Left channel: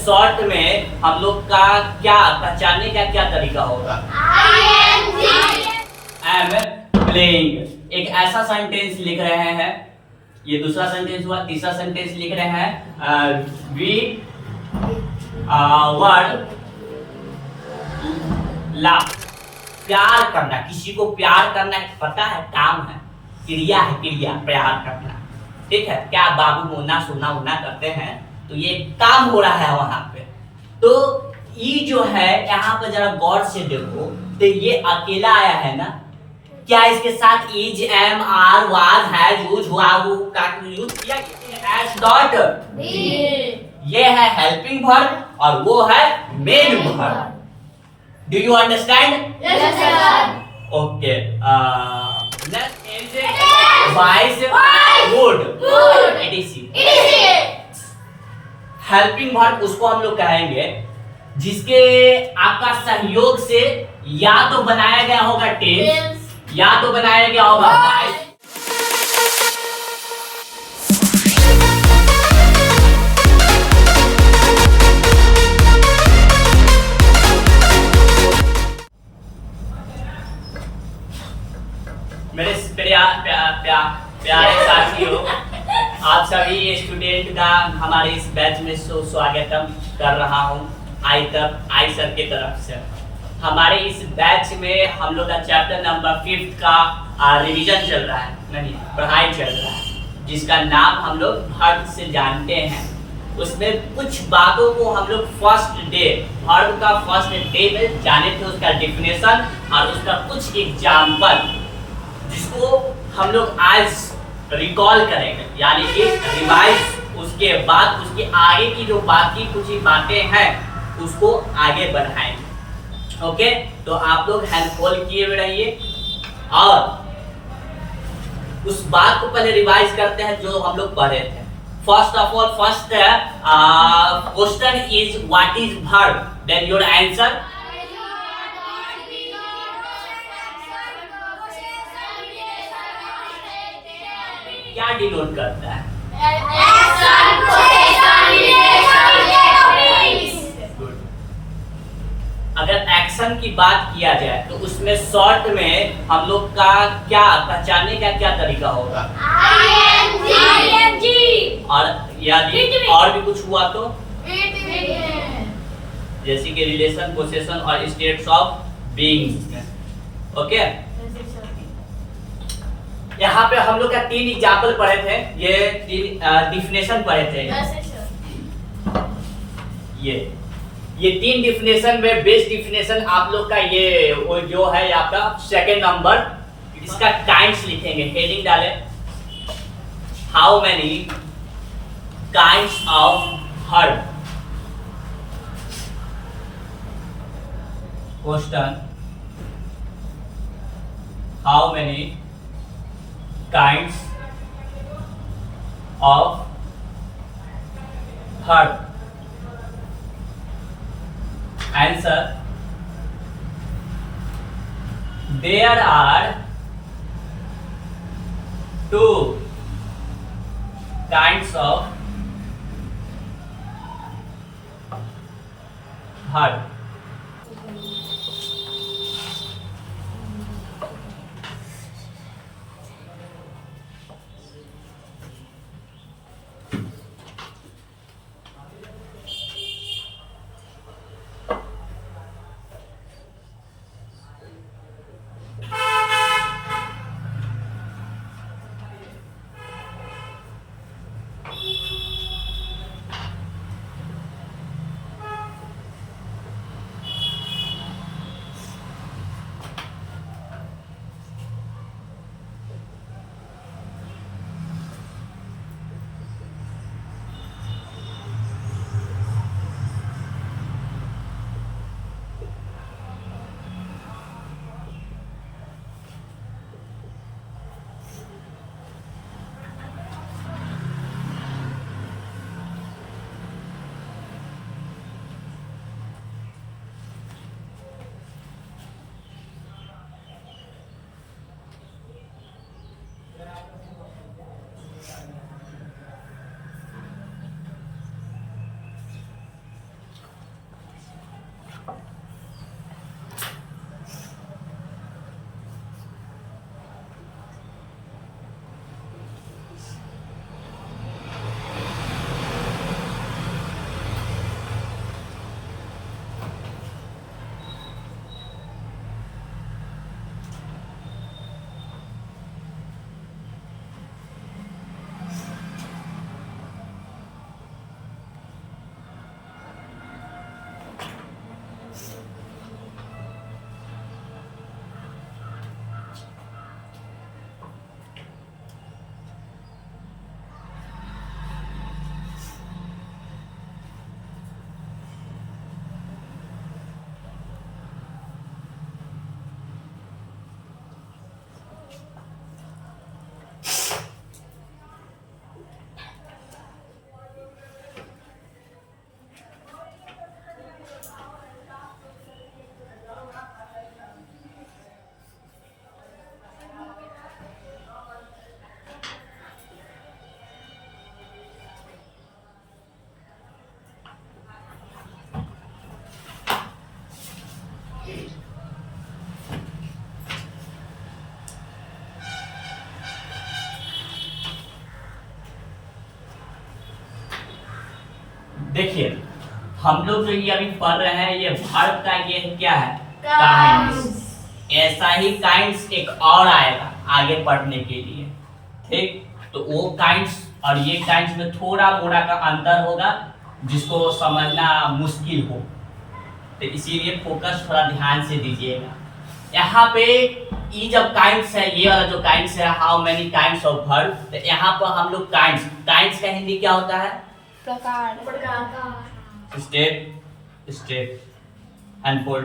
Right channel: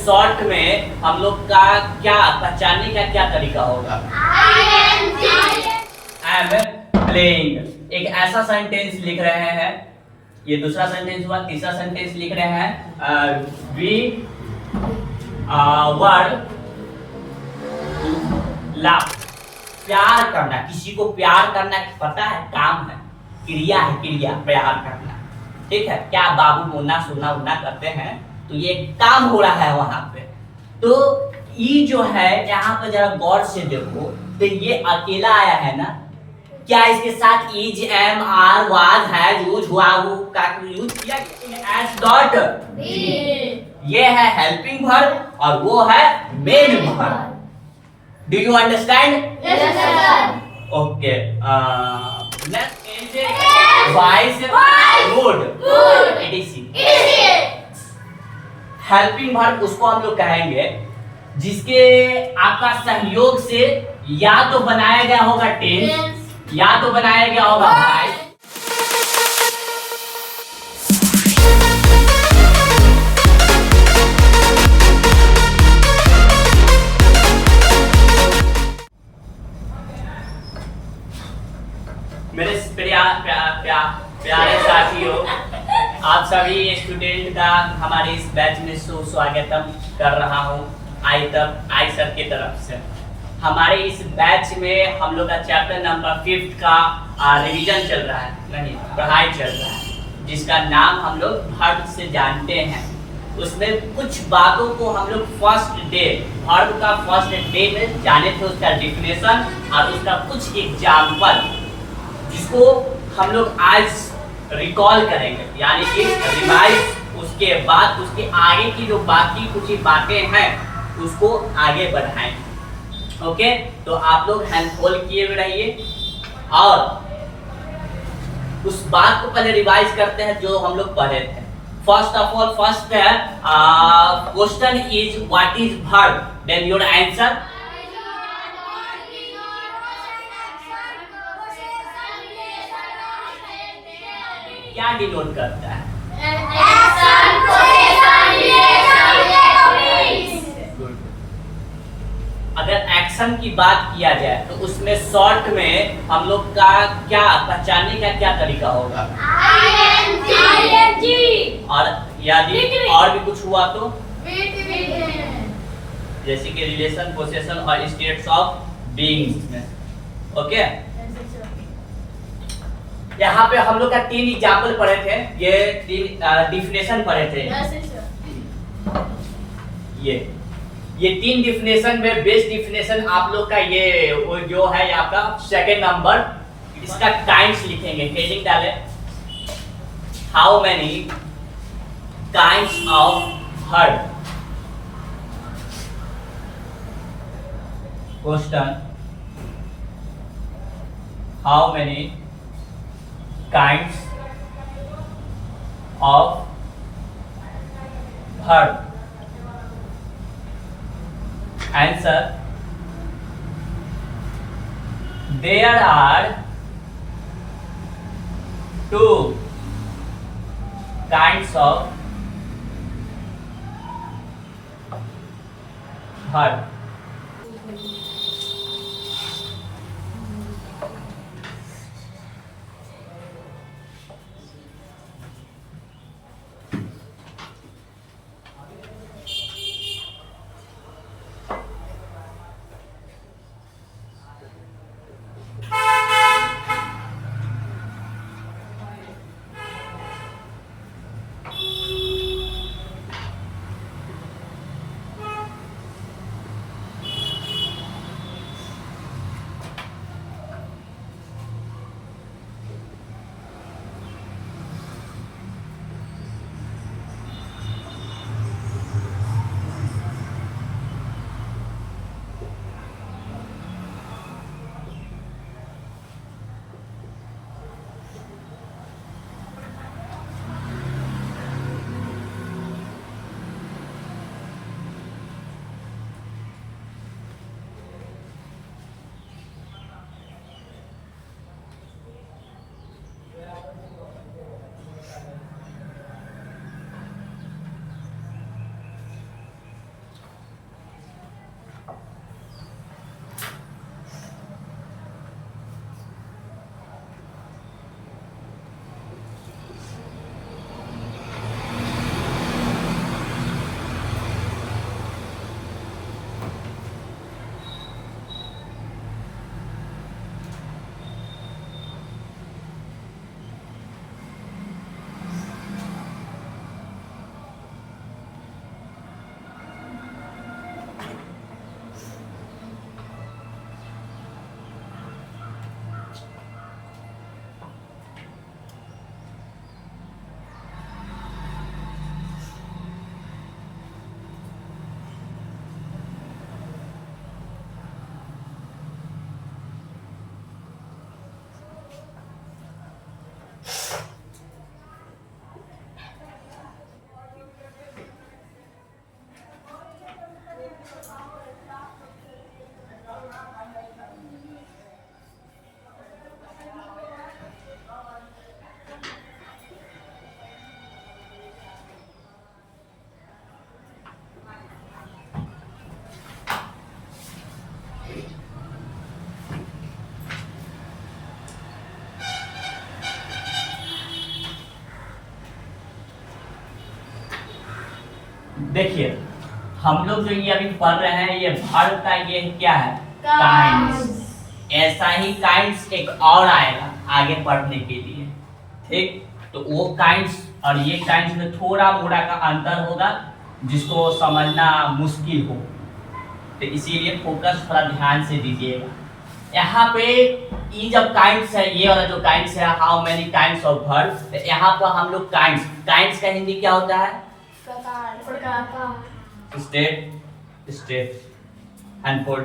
Short में हम लोग का क्या पहचानने का क्या तरीका होगा? I am playing. एक ऐसा सेंटेंस लिख रहे हैं, ये दूसरा सेंटेंस हुआ। तीसरा सेंटेंस लिख रहे हैं वी वर लव। प्यार करना, किसी को प्यार करना पता है, काम है, क्रिया है, क्रिया प्यार करना। ठीक है, क्या बाबू मोना सोना उना करते हैं, तो ये काम हो रहा है वहां पे। तो ये जो है यहाँ पर जरा गौर से देखो, तो ये अकेला आया है ना, क्या इसके साथ इज एम आर वाज है यूज हुआ का यूज किया? एस डॉट ये है हेल्पिंग वर्ब और वो है main verb. Do you understand? Yes, sir. Okay, next wise good Good. etc। Helping verb उसको हम लोग कहेंगे जिसके आपका सहयोग से या तो बनाया गया होगा टेंस या तो बनाया गया होगा वाइज। मेरे प्यारे साथियों, आप सभी स्टूडेंट का हमारे इस बैच में स्वागतम कर रहा हूँ आई सर की तरफ से। हमारे इस बैच में हम लोग का चैप्टर नंबर 5 का रिवीजन चल रहा है, नहीं पढ़ाई चल रहा है, जिसका नाम हम लोग वर्ब से जानते हैं। उसमें कुछ बातों को हम लोग फर्स्ट डे वर्ब का फर्स्ट डे में जाने थे, उसका डिफिनेशन और उसका कुछ एग्जाम्पल जिसको हम लोग आज रिकॉल करेंगे, यानी कि रिवाइज। उसके बाद उसके आगे की जो बाकी कुछ बातें हैं उसको आगे बढ़ाएंगे। ओके, तो आप लोग हैंड खोल किए हुए रहिए और उस बात को पहले रिवाइज करते हैं जो हम लोग पढ़े थे। First of all, first question is what is verb, then your answer. क्या डिनोट करता है? अगर एक्शन की बात किया जाए तो उसमें शॉर्ट में हम लोग का क्या पहचानने का क्या तरीका होगा? और यदि और भी कुछ हुआ तो जैसे कि रिलेशन, पोसेशन और स्टेट्स ऑफ बीइंग में। ओके, यहाँ पे हम लोग का 3 एग्जाम्पल पढ़े थे, ये 3 डिफिनेशन पढ़े थे। ये 3 डिफिनेशन में बेस्ट डिफिनेशन आप लोग का ये वो जो है आपका सेकंड नंबर, इसका काइंड्स लिखेंगे, हेडिंग डाले how many kinds of verb. Question how many kinds of verb। Answer: there are 2 kinds of verb। देखिए हम लोग जो ये अभी पढ़ रहे हैं ये वर्ब का ये क्या है, काइंड्स। ऐसा ही काइंड्स एक और आएगा आगे पढ़ने के लिए, ठीक। तो वो काइंड्स और ये काइंड्स में थोड़ा मोड़ा का अंतर होगा जिसको समझना मुश्किल हो, तो इसीलिए फोकस थोड़ा ध्यान से दीजिएगा। यहाँ पे ये जब काइंड्स है, ये वाला जो काइंड्स है, how many kinds of verb, तो यहाँ पर हम लोग काइंड्स, काइंड्स का हिंदी क्या होता है, स्टेट, स्टेट एंड फोर्ड।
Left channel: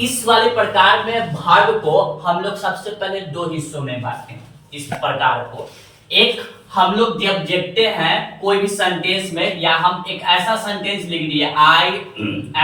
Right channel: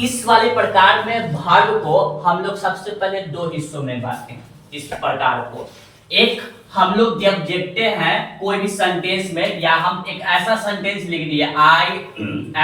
इस वाले प्रकार में वर्ब को हम लोग सबसे पहले दो हिस्सों में बांटते हैं। इस प्रकार को एक हम लोग जब देखते हैं कोई भी सेंटेंस में, या हम एक ऐसा सेंटेंस लिख दिए आई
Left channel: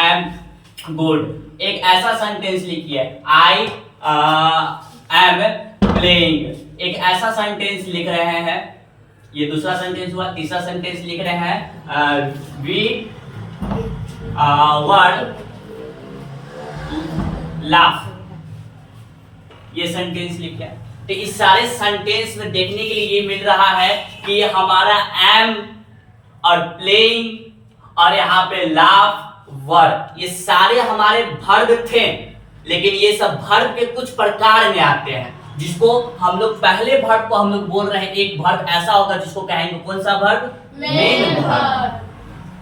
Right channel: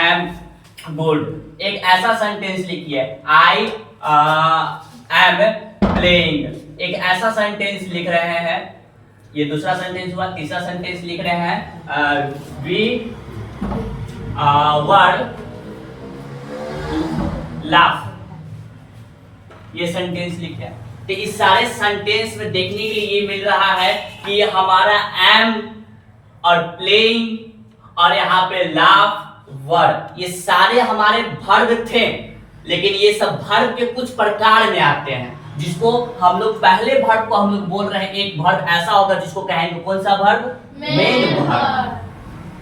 एम गुड, एक ऐसा सेंटेंस लिखिए आई एम प्लेइंग, एक ऐसा सेंटेंस लिख रहे हैं, ये दूसरा सेंटेंस हुआ। तीसरा सेंटेंस लिख रहे हैं वी वर लाफ, ये सेंटेंस लिखे। तो इस सारे सेंटेंस में देखने के लिए ये मिल रहा है कि ये हमारा एम और प्लेइंग और यहाँ पे लाफ वर्ब, ये सारे हमारे वर्ब थे, लेकिन ये सब वर्ब के कुछ प्रकार में आते हैं जिसको हम लोग पहले वर्ब को हम लोग बोल रहे हैं। एक वर्ब ऐसा होगा जिसको कहेंगे कौन सा वर्ब, मेन वर्ब।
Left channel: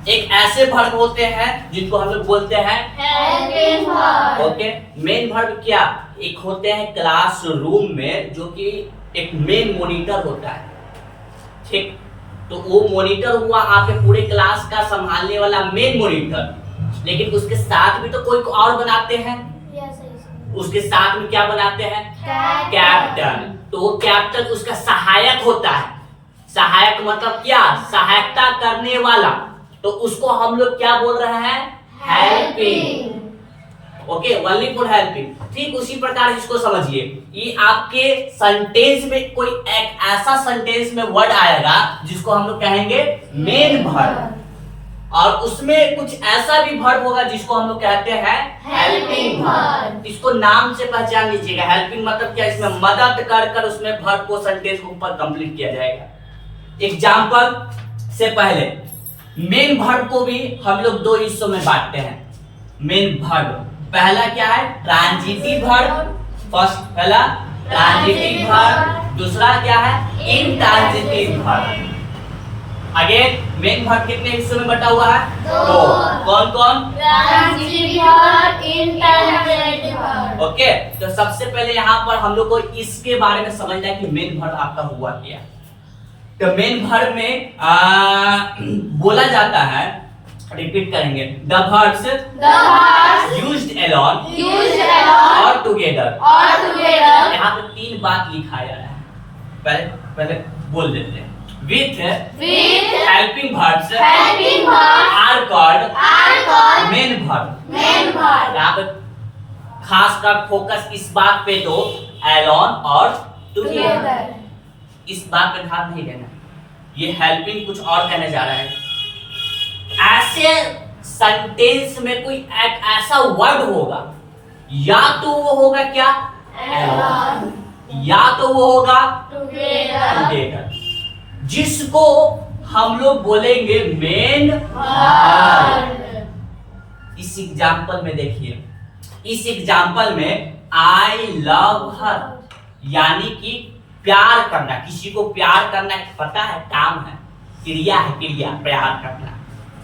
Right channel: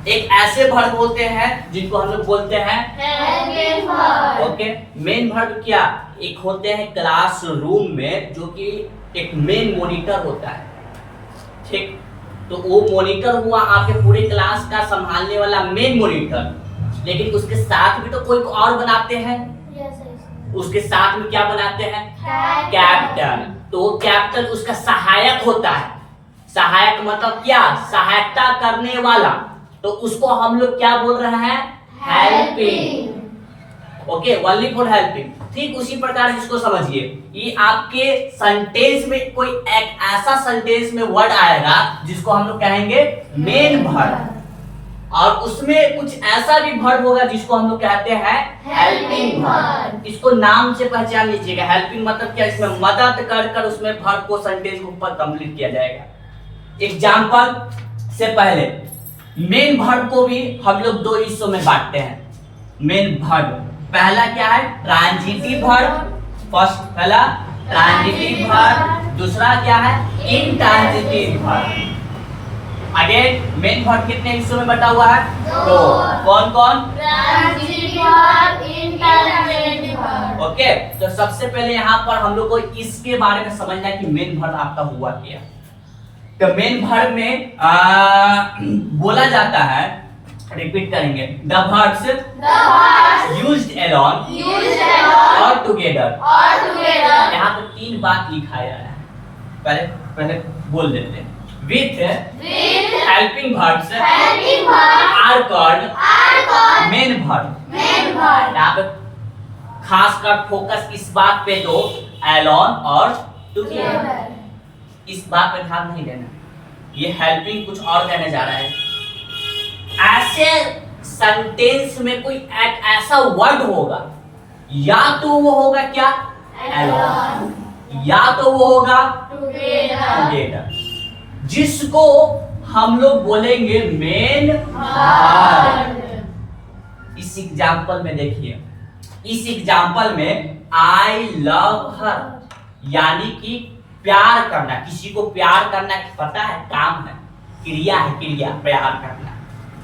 एक ऐसे वर्ब होते हैं जिनको हम लोग बोलते हैं helping verb. Okay, main verb क्या, एक होते हैं क्लासरूम में जो कि एक मेन मॉनिटर होता है, ठीक। तो वो मॉनिटर हुआ आपके पूरे क्लास का संभालने वाला मेन मॉनिटर, लेकिन उसके साथ भी तो कोई को और बनाते हैं, उसके साथ में क्या बनाते हैं, कैप्टन। तो वो कैप्टन उसका सहायक होता है। सहायक मतलब क्या, सहायता करने वाला, तो उसको हम लोग क्या बोल रहे हैं, helping. Okay, only for helping. ठीक उसी प्रकार इसको समझिए, ये आपके सेंटेंस में कोई एक ऐसा सेंटेंस में वर्ड आएगा जिसको हम लोग कहेंगे मेन वर्ब, और उसमें कुछ ऐसा भी वर्ब होगा जिसको हम लोग कहते हैं हेल्पिंग वर्ब। इसको नाम से पहचान लीजिएगा। हेल्पिंग मतलब क्या, इसमें मदद कर कर उसमें वर्ब को सेंटेंस के ऊपर कंप्लीट किया जाएगा। एग्जांपल से पहले मेन वर्ब को भी हम लोग दो हिस्सों में बांटते हैं। मेन वर्ब पहला क्या है, ट्रांजिटिव वर्ब। फर्स्ट पहला ट्रांजिटिव वर्ब, दूसरा क्या है, intransitive verb. Again main verb कितने हिस्सों में बटा हुआ है, दो। कौन कौन, transitive verb, intransitive verb. Okay, तो सबसे पहले यहाँ पर हम लोग को इसके बारे में समझना है कि मेन वर्ब आपका हुआ क्या। तो मेन वर्ब में बोला जाता है, रिपीट करेंगे, द वर्ब्स यूज्ड अलोन और टुगेदर। यहाँ पे तीन बात लिखा जा रहा है, पहले पहले बोल देते हैं। With helping verbs are called main verb। यहाँ पे खास कर फोकस इस बात पे दो, alone और together। इस बात पे ध्यान नहीं देना, ये हेल्पिंग कुछ और कहने जा रहा है। ऐसे सेंटेंस में कोई एक ऐसा वर्ड होगा, या तो वो होगा क्या, alone, या तो वो होगा together, जिसको हम लोग बोलेंगे मेन वर्ब। इस एग्जांपल में देखिए, इस एग्जांपल में आई लव हर, यानी कि प्यार करना, किसी को प्यार करना पता है, काम है, क्रिया है, क्रिया प्यार करना,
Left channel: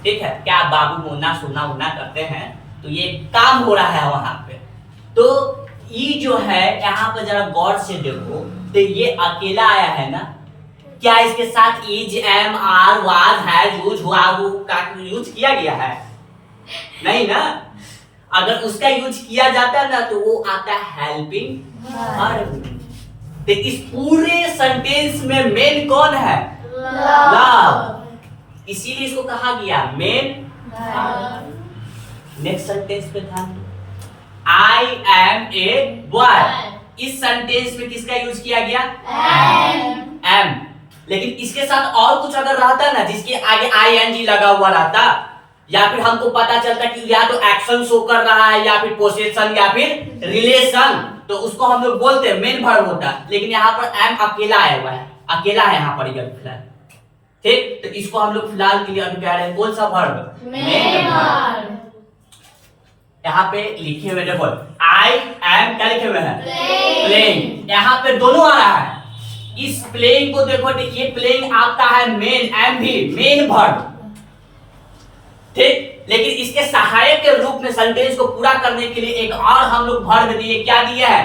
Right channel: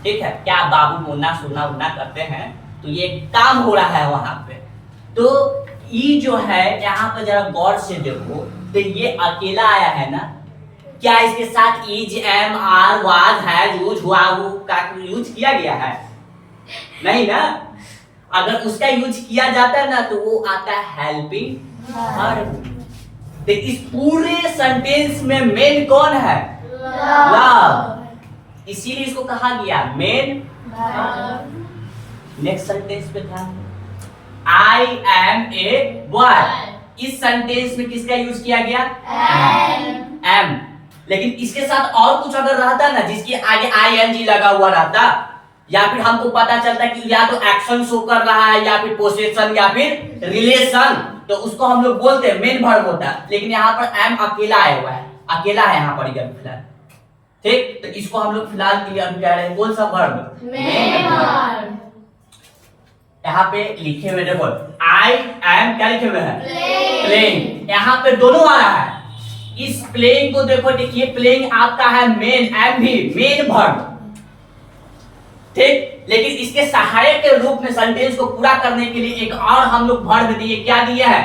ठीक है। क्या बाबू मोना सुना उना करते हैं, तो ये काम हो रहा है वहां पे। तो ये जो है यहाँ पे जरा गौर से देखो, तो ये अकेला आया है ना, क्या इसके साथ is, am, are, was, has, use, हुआ, हु का यूज किया गया है, नहीं ना। अगर उसका यूज किया जाता है ना तो वो आता है हेल्पिंग वर्ब। तो इस पूरे सेंटेंस में मेन कौन है, लव, इसीलिए इसको कहा गया मेन वर्ब। नेक्स्ट सेंटेंस पे ध्यान दो, आई एम ए बॉय। इस सेंटेंस में किसका यूज किया गया, एम। लेकिन इसके साथ और कुछ अगर रहता ना, जिसके आगे आईएनजी लगा हुआ रहता, या फिर हमको पता चलता कि या तो एक्शन शो कर रहा है, या फिर पोसेशन, या फिर रिलेशन, तो उसको हम लोग बोलते हैं मेन वर्ब होता है। लेकिन यहाँ पर एम अकेला आया हुआ है, अकेला है यहाँ पर, ठीक, तो इसको हम लोग फिलहाल के लिए अभी कह रहे हैं कौन सा वर्ब? Main verb. यहाँ पे लिखे हुए देखो आई एम क्या लिखे हुए हैं? प्लेइंग। यहाँ पे दोनों आया है। इस प्लेइंग को देखो, ये प्लेइंग आपका है मेन, एम भी मेन वर्ब, ठीक। लेकिन इसके सहायक के रूप में सेंटेंस को पूरा करने के लिए एक और हम लोग वर्ब दिए, क्या दिए हैं?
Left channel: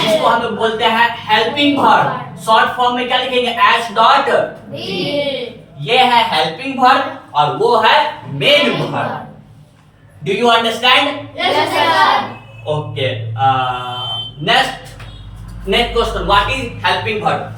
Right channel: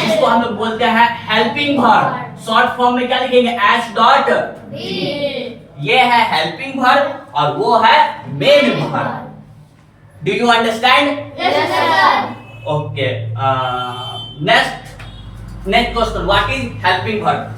जिसको हम लोग बोलते हैं हेल्पिंग वर्ब। शॉर्ट फॉर्म में क्या लिखेंगे? H dot. ये है हेल्पिंग वर्ब और वो है main verb. Do you understand? Yes, sir. Okay, next question, what is helping verb?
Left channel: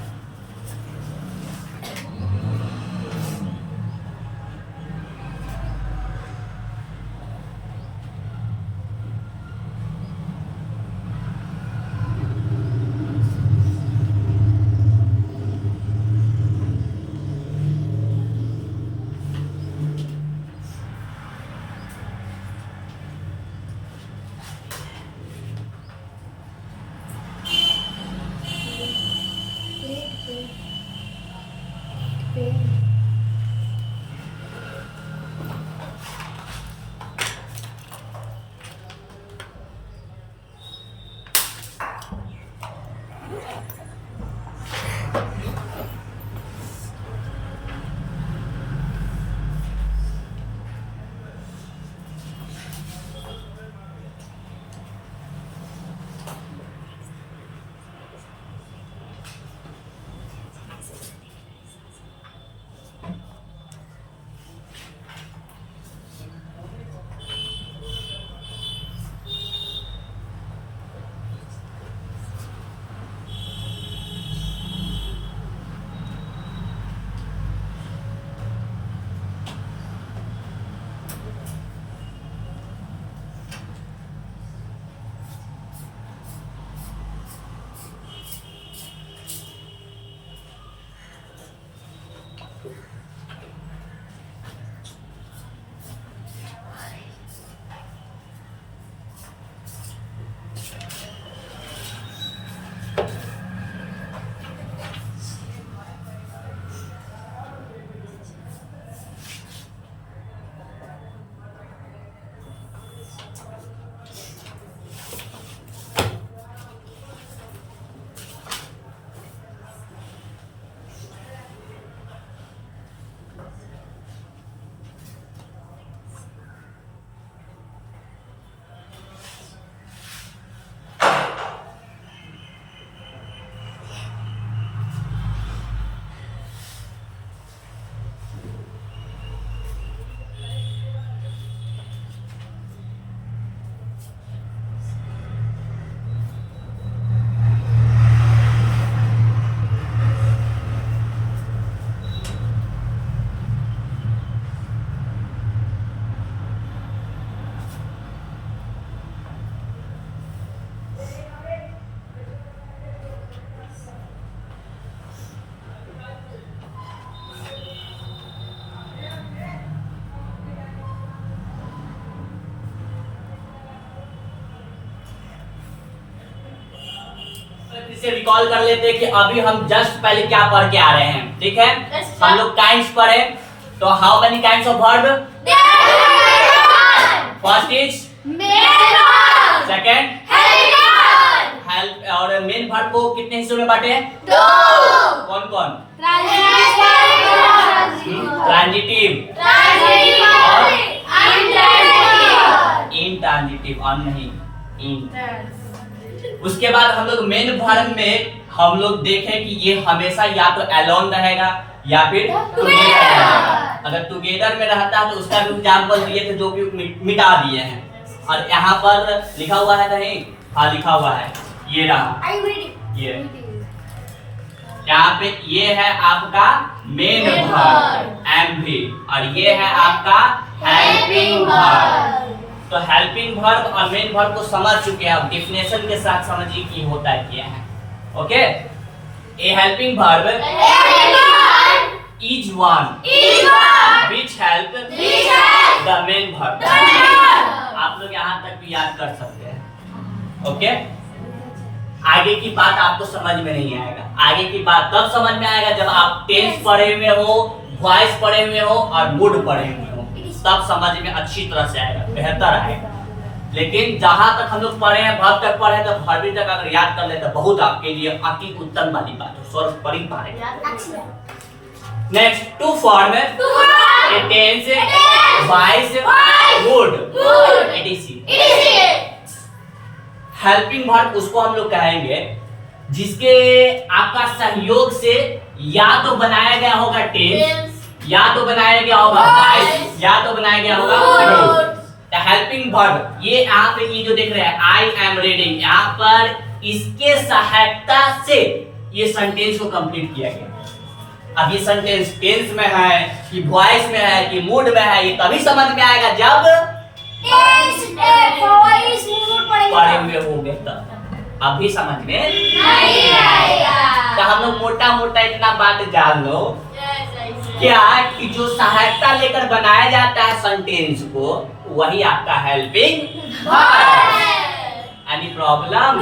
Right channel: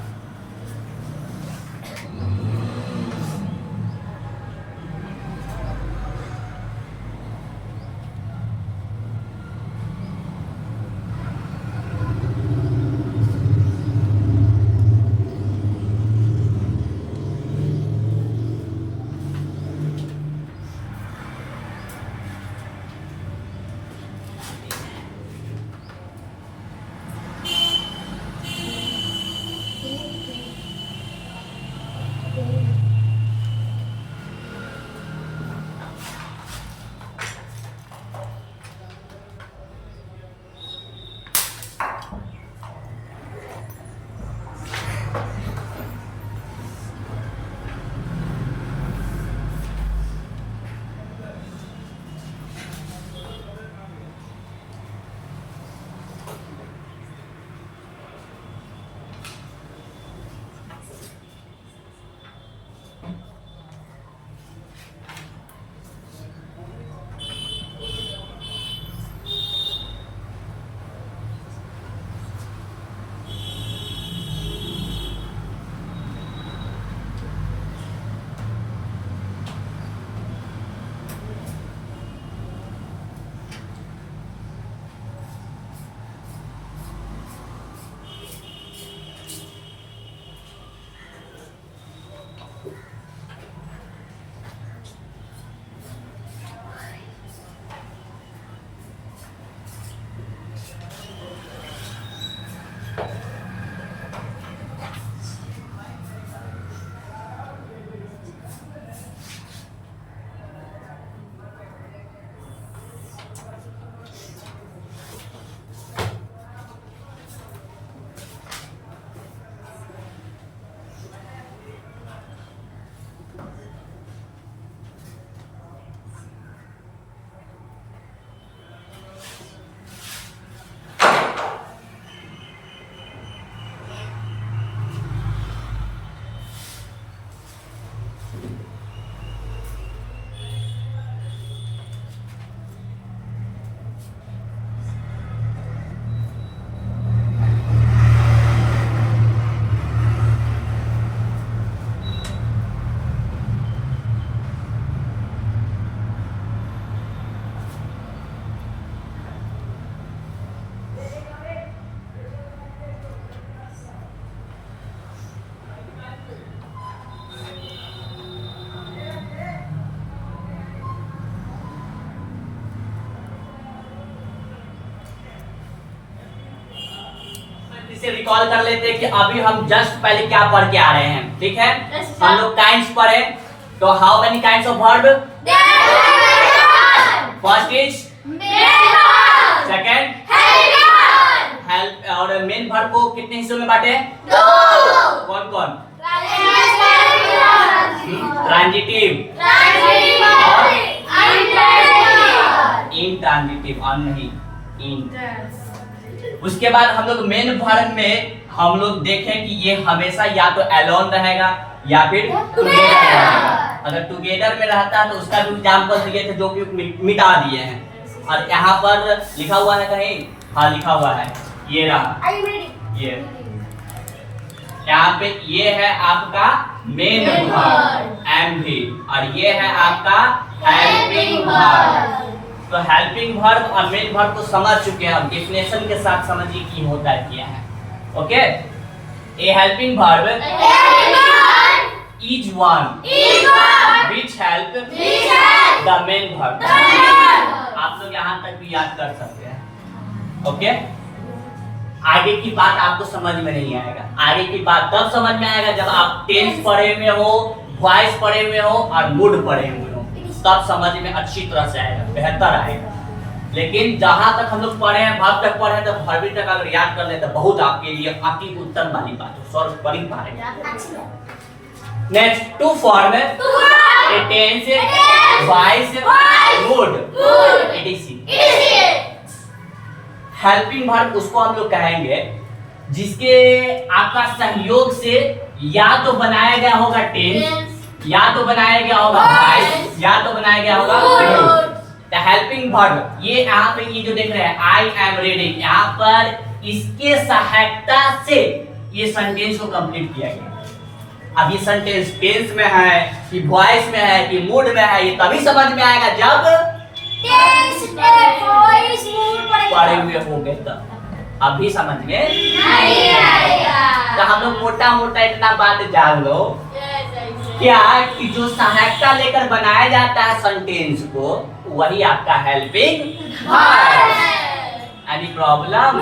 से रिकॉल कर लेते हैं कि अभी हम जस्ट पहले क्या पढ़ के आ रहे हैं, ठीक है? हम लोग काइंड्स पढ़े, तो how many kinds of verb? First is second help, और मेन वर्ब को कितने हिस्सों में बांटे? कौन कौन? ट्रांजिटिव और इंट्रांजिटिव, और नहीं इन। उसके बाद हम लोग मेन वर्ब में हम लोग देखें कि ये हमेशा या तो अलोन रहेगा या फिर टुगेदर रहेगा। अगर टुगेदर में रहता है तो उसका भी एग्जांपल दिए थे जो कि मिटा दिए हैं। और यहाँ पर लिखा हुआ है कहीं? हाँ लिखा हुआ है, ये रहा, ये यहाँ पे ये है आपका मेन वर्ब एम भी, और ये है आपका हेल्पिंग वर्ब। तो हेल्पिंग वर्ब और मेन वर्ब को समझ चुके हैं, अब डेफिनेशन के साथ समझिए कि होता है क्या है। Okay, A helping verb is one which help the main verb। आप लोग यहाँ तक भी याद कर सकते हैं। ओके, आगे की बात आपको समझ में नहीं आएगा। आगे की बात तब समझ में आएगा जब आप टेंस पढ़े हुए हो वॉइस पढ़े हुए हो और मूड पढ़े हुए हो, तब समझ में अच्छी तरह से आएगा, बेहतर आएगा। लेकिन जहां तक हम लोग पढ़े हैं, भाव तक पढ़े हैं, तो भरवी तक अगर याद कर ले तो बहुत आपके लिए अति उत्तम वाली बात है, स्वर पढ़ ही पाएंगे। Next, to form tense, voice, mood, etc। Helping verb उसको हम लोग कहेंगे जिसके आपका सहयोग से या तो बनाया गया होगा टेंस, या तो बनाया गया होगा वॉइस, या तो बनाया गया होगा मूड। द हेल्पिंग वर्ब, ये यहाँ पे ये जो देख रहे हैं आई एम रीडिंग, यहाँ पर इसके सहायता से ये सेंटेंस को कंप्लीट किया गया। अब ये सेंटेंस टेंस में है कि वॉइस में है कि मूड में है, ये तभी समझ में आएगा जब पढ़े हुए होंगे, तब अभी समझ में नहीं आएगा। तो हम लोग मोटा मोटा इतना बात जान लो क्या कि जो सहायता लेकर बनाया जाता है सेंटेंस को, वही आपका हेल्पिंग वर्ब। Any problem?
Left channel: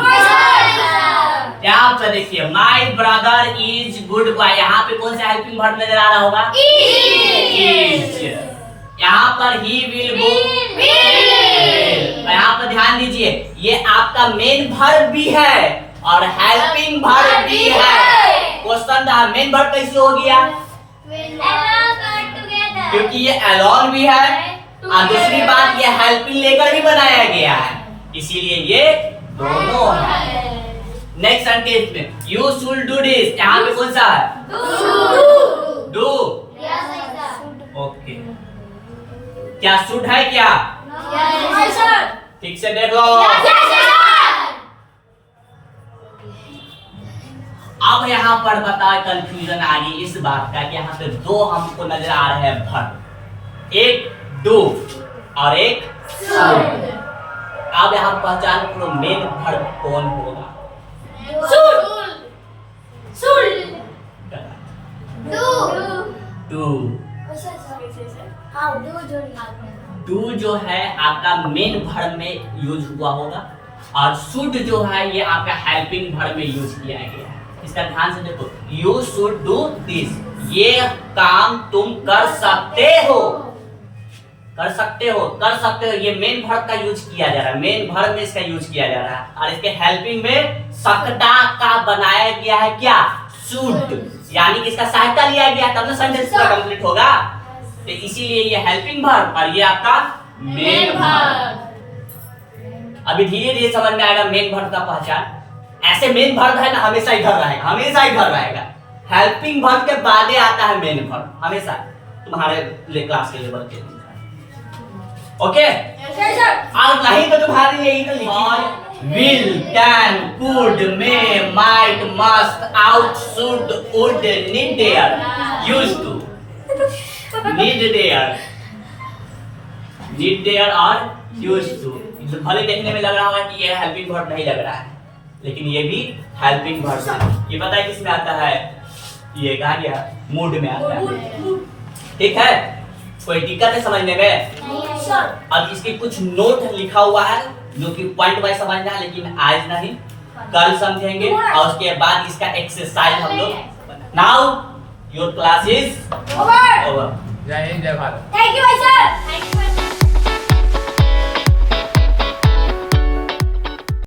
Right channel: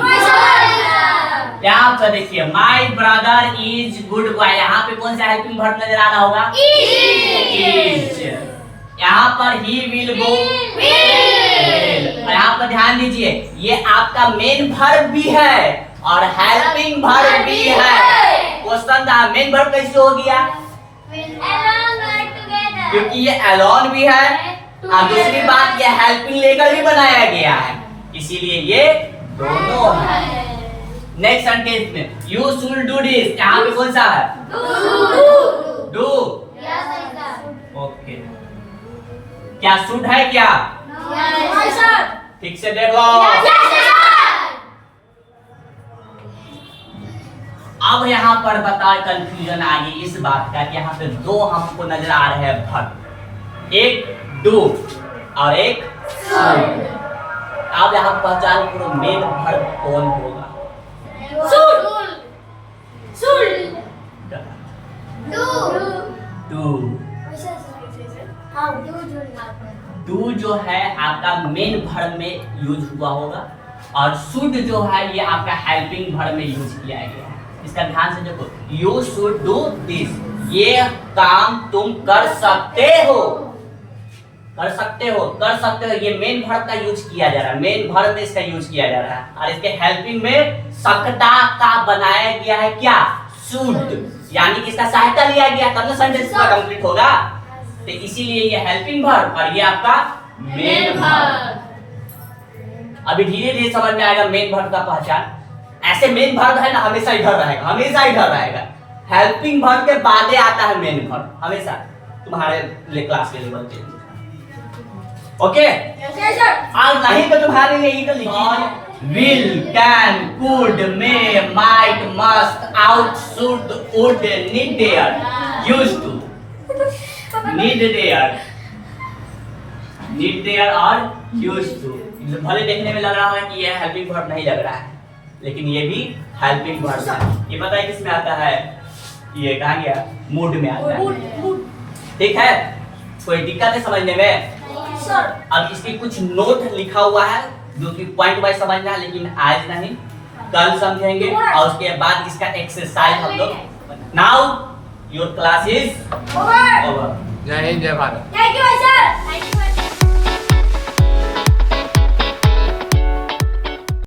यहाँ पर देखिए my brother is good boy, यहाँ पे कौन सा हेल्पिंग वर्ब नजर आ रहा होगा? इज। यहाँ पर ही विल गो, यहाँ पर ध्यान दीजिए ये आपका मेन वर्ब भी है और हेल्पिंग वर्ब भी है। क्वेश्चन था मेन वर्ब कैसे हो गया? क्योंकि ये अलोन भी है और दूसरी बात ये हेल्पिंग लेकर भी बनाया गया है, इसीलिए ये दोनों है। नेक्स्ट सेंटेंस में यू शुड डू दिस, यहाँ पे कौन सा है? डू। ओके, क्या शुड है क्या? ठीक से देख लो। अब यहाँ पर बताओ कंफ्यूजन आ गई इस बात का कि यहाँ पे दो हमको नजर आ रहे हैं वर्ब, एक डू और एक शुड। अब यहाँ पहचान करो मेन वर्ब कौन होगा? डू जो है आपका मेन वर्ब में यूज हुआ होगा और शुड जो है ये आपका हेल्पिंग वर्ब में यूज किया गया है। इसका ध्यान से देखो, यू शुड डू दिस, ये काम तुम कर सकते हो, कर सकते हो, कर सकते हो, ये मेन वर्ब का यूज किया जा रहा है, मेन वर्ब में इसका यूज किया जा रहा है। और इसके हेल्पिंग में सकता का बनाया गया है क्या? शुड, यानी कि इसका सहायता लिया गया तब ना सेंटेंस पूरा कंप्लीट होगा। तो इसीलिए ये हेल्पिंग वर्ब और ये आपका मेन वर्ब। अभी धीरे धीरे समझ में आएगा मेन वर्ब का पहचान। ऐसे मेन वर्ब है ना हमेशा इधर रहेगा, हमेशा इधर रहेगा। हेल्पिंग वर्ब के बाद आता है मेन वर्ब, हमेशा तुम्हारे क्लास के लेवल पे। ओके, और नहीं तो तुम्हारे लिए ही तो लिखिए will, can, could, may, might, must, ought, should, would, need, dare, used to, need, dare, need, dare और used to। भले देखने में लग रहा है कि ये हेल्पिंग वर्ब नहीं लग रहा है, लेकिन ये भी हेल्पिंग वर्ब है। ये पता है किस में आता है? ये कहाँ गया? मूड में आता है। ठीक है, कोई दिक्कत है समझने में? अब इसकी कुछ नोट लिखा हुआ है जो कि पॉइंट वाइज समझना है, लेकिन आज नहीं, कल समझेंगे और उसके बाद इसका एक्सरसाइज हम लोग। Now your class is over. जय हिंद, जय भारत। Thank you sir.